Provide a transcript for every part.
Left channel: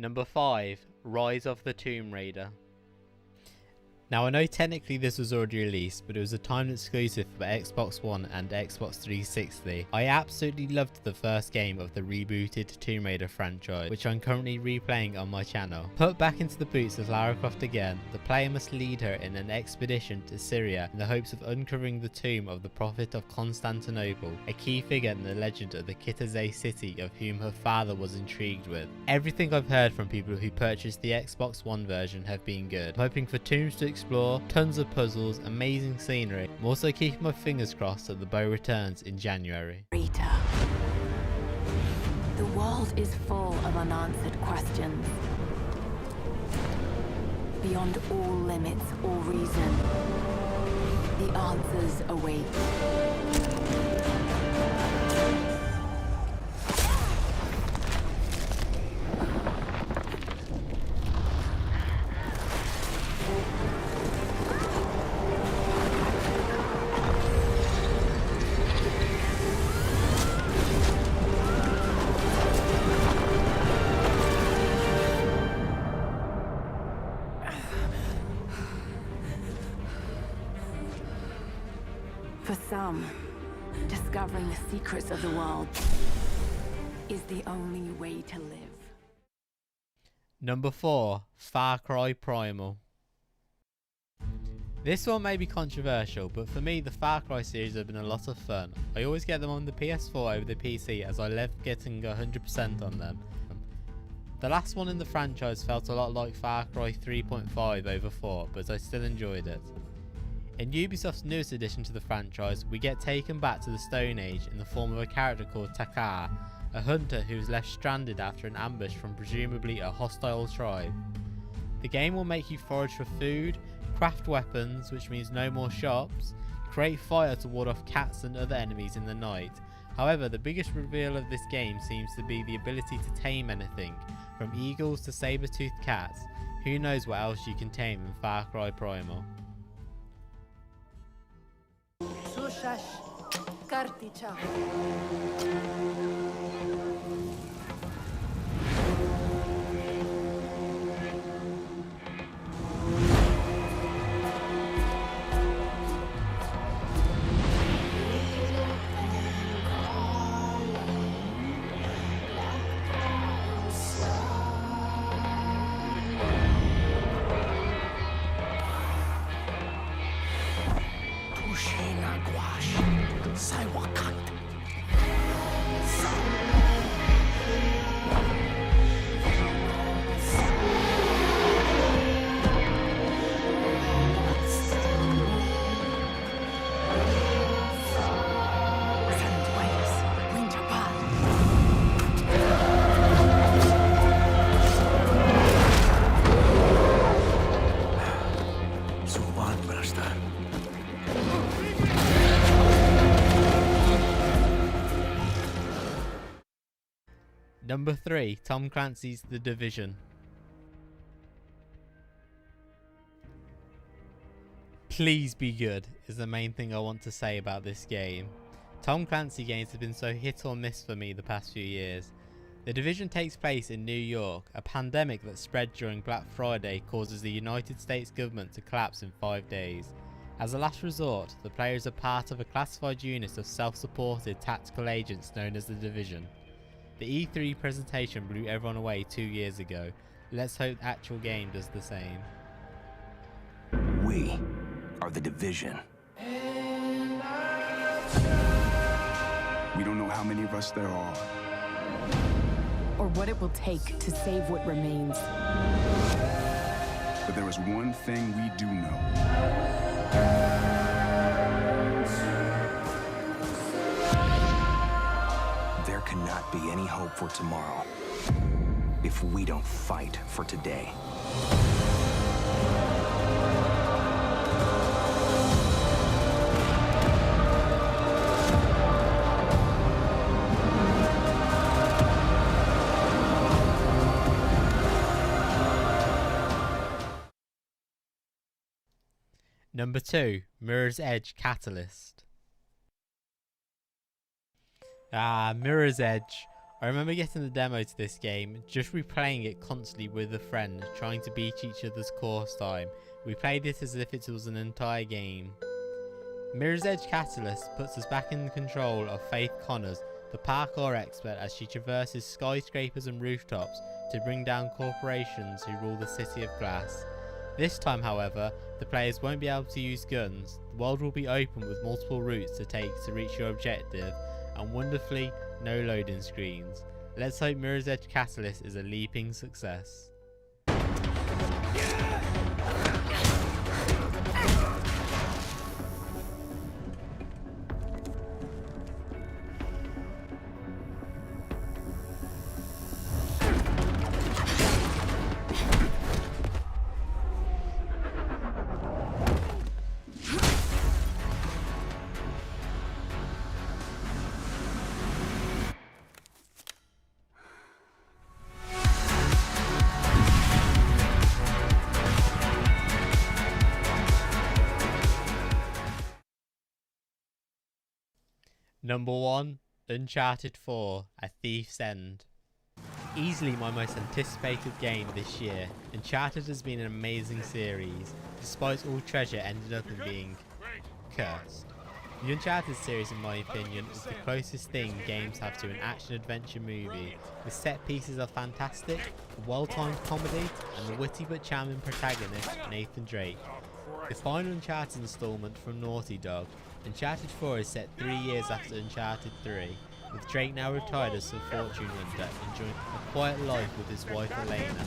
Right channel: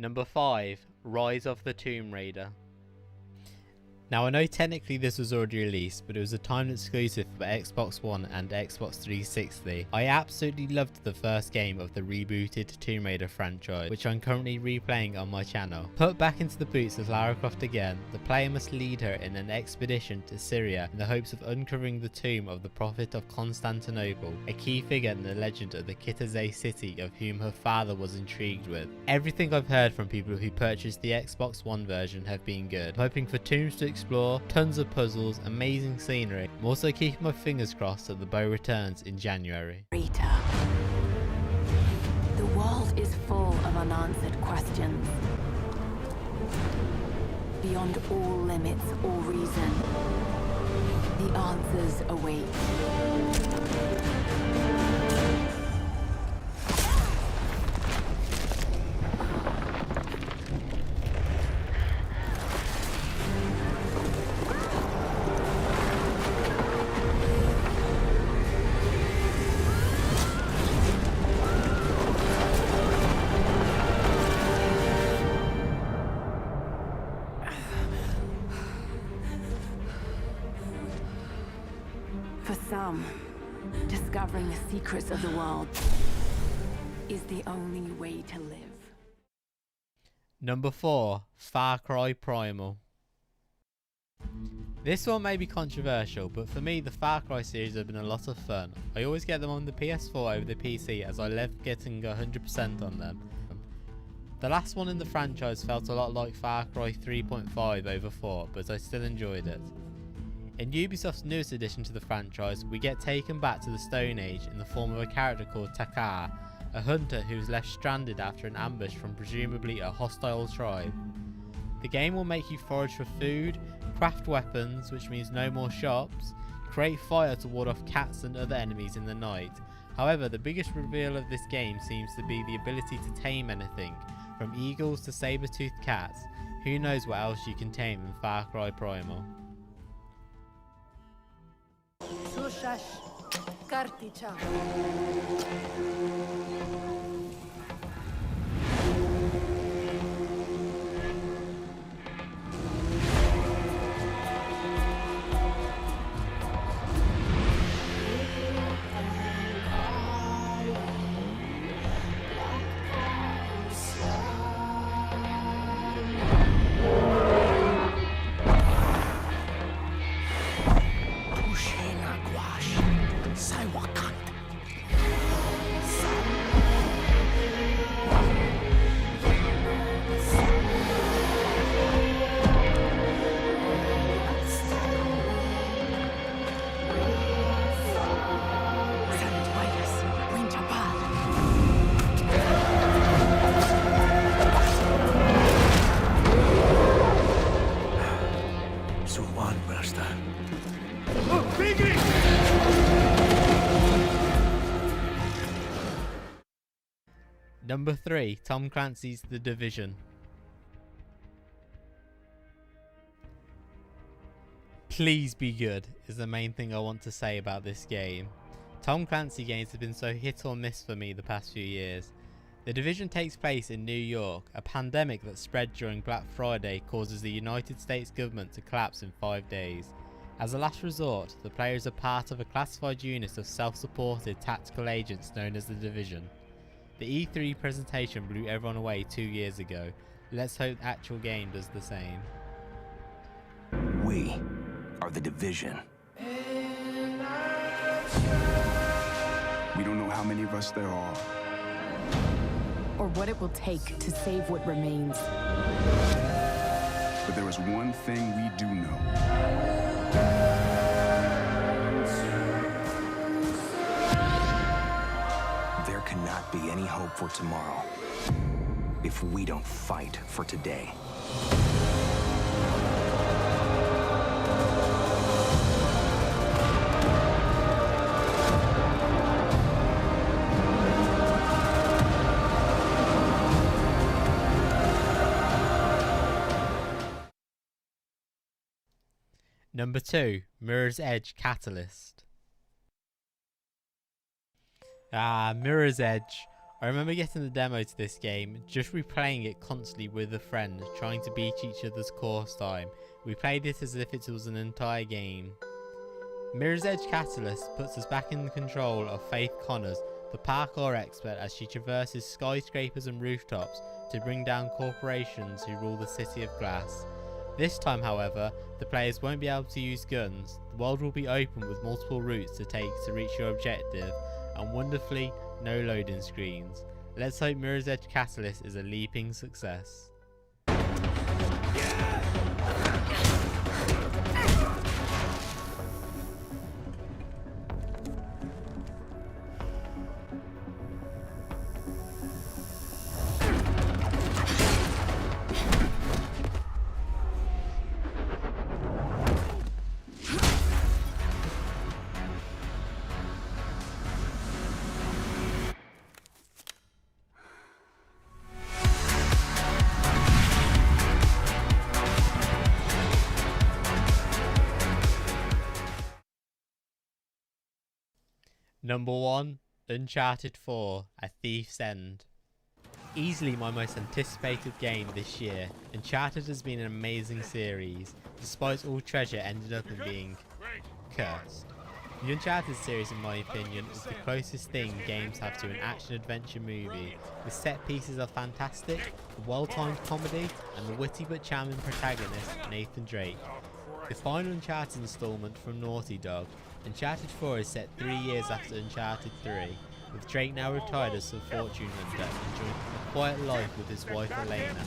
Number 5. Rise of the Tomb Raider. Now I know technically this was already released, but it was a timed exclusive for Xbox One and Xbox 360. I absolutely loved the first game of the rebooted Tomb Raider franchise, which I'm currently replaying on my channel. Put back into the boots of Lara Croft again, the player must lead her in an expedition to Syria in the hopes of uncovering the tomb of the Prophet of Constantinople, a key figure in the legend of the Kitazeh city of whom her father was intrigued with. Everything I've heard from people who purchased the Xbox One version have been good. I'm hoping for tombs to explore, tons of puzzles, amazing scenery. I'm also keeping my fingers crossed that the bow returns in January. Rita, the world is full of unanswered questions. Beyond all limits or reason, the answers await. For some, discovering the secrets of the world is the only way to live. Number 4. Far Cry Primal. This one may be controversial, but for me the Far Cry series have been a lot of fun. I always get them on the PS4 over the PC as I love getting 100% on them. The last one in the franchise felt a lot like Far Cry 3.5 over 4, but I still enjoyed it. In Ubisoft's newest addition to the franchise, we get taken back to the Stone Age in the form of a character called Takar, a hunter who is left stranded after an ambush from presumably a hostile tribe. The game will make you forage for food, craft weapons, which means no more shops, create fire to ward off cats and other enemies in the night. However, the biggest reveal of this game seems to be the ability to tame anything, from eagles to saber-toothed cats. Who knows what else you can tame in Far Cry Primal. Sushash Karticha. Number 3. Tom Clancy's The Division. Please be good is the main thing I want to say about this game. Tom Clancy games have been so hit or miss for me the past few years. The Division takes place in New York. A pandemic that spread during Black Friday causes the United States government to collapse in 5 days. As a last resort, the players are part of a classified unit of self-supported tactical agents known as the Division. The E3 presentation blew everyone away 2 years ago. Let's hope the actual game does the same. We are the Division. We don't know how many of us there are, or what it will take to save what remains. but there is one thing we do know. There cannot be any hope for tomorrow if we don't fight for today. Number 2, Mirror's Edge Catalyst. Mirror's Edge. I remember getting the demo to this game, just replaying it constantly with a friend, trying to beat each other's course time. We played it as if it was an entire game. Mirror's Edge Catalyst puts us back in control of Faith Connors, the parkour expert, as she traverses skyscrapers and rooftops to bring down corporations who rule the City of Glass. This time, however, the players won't be able to use guns. The world will be open with multiple routes to take to reach your objective, and wonderfully, no loading screens. Let's hope Mirror's Edge Catalyst is a leaping success. Number 1, Uncharted 4, A Thief's End. Easily my most anticipated game this year, Uncharted has been an amazing series, despite all treasure ended up in being cursed. The Uncharted series, in my opinion, is the closest thing games have to an action-adventure movie. The set pieces are fantastic, the well-timed comedy, and the witty but charming protagonist, Nathan Drake. The final Uncharted installment from Naughty Dog, Uncharted 4 is set 3 years after Uncharted 3, with Drake now retired as a fortune hunter, enjoying a quiet life with his wife Elena.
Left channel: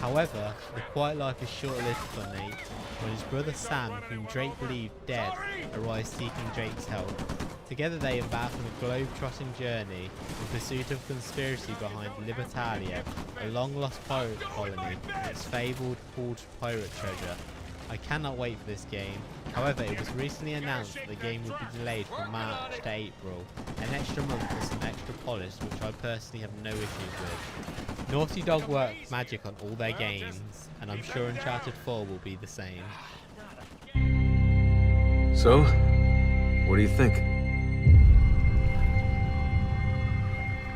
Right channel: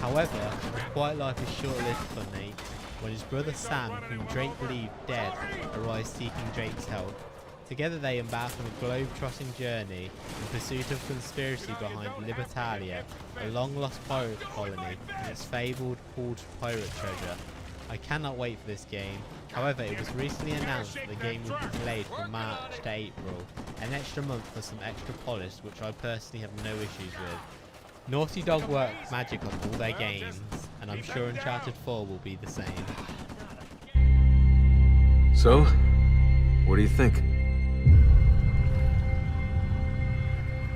However, the quiet life is short-lived for Nate, when his brother Sam, whom Drake believed dead, arrives seeking Drake's help. Together they embark on a globe-trotting journey in pursuit of conspiracy behind Libertalia, a long-lost pirate colony and its fabled hoard pirate treasure. I cannot wait for this game. However, it was recently announced that the game would be delayed from March to April, an extra month for some extra polish, which I personally have no issues with. Naughty Dog work magic on all their games, and I'm sure Uncharted 4 will be the same. So, what do you think?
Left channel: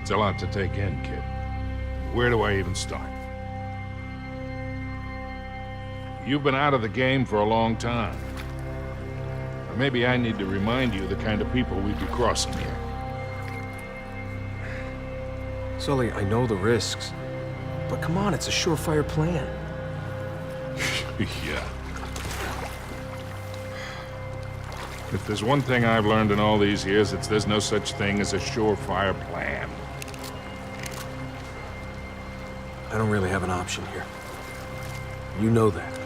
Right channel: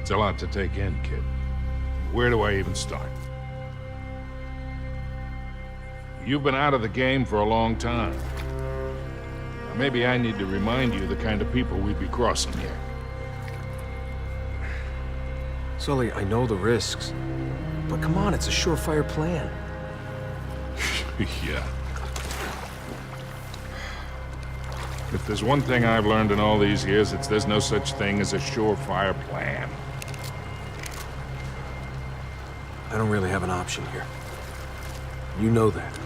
It's a lot to take in, kid. Where do I even start? You've been out of the game for a long time. Maybe I need to remind you the kind of people we'd be crossing here. Sully, I know the risks. But come on, it's a surefire plan. Yeah. If there's one thing I've learned in all these years, it's there's no such thing as a surefire plan. I don't really have an option here. You know that.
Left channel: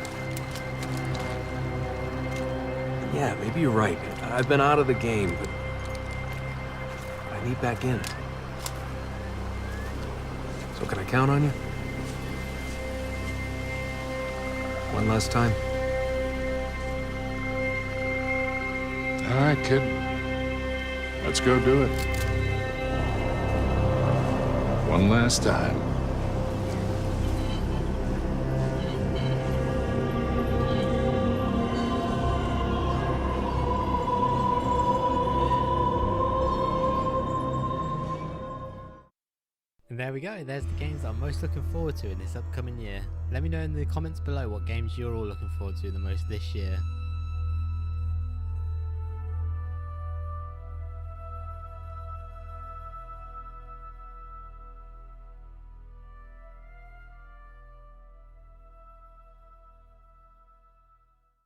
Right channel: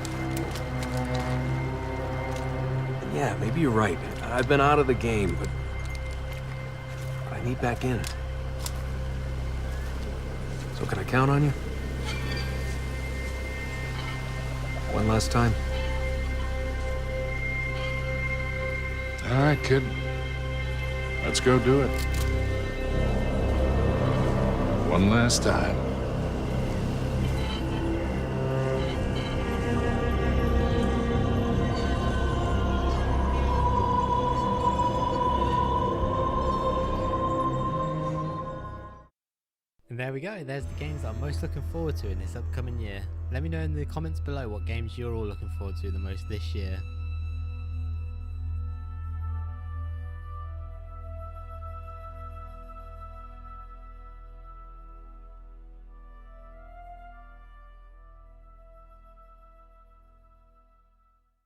Yeah, maybe you're right. I've been out of the game, but I need back in. So can I count on you? One last time? All right, kid. Let's go do it. One last time. And there we go, there's the games that I'm most looking forward to in this upcoming year. Let me know in the comments below what games you're all looking forward to the most this year.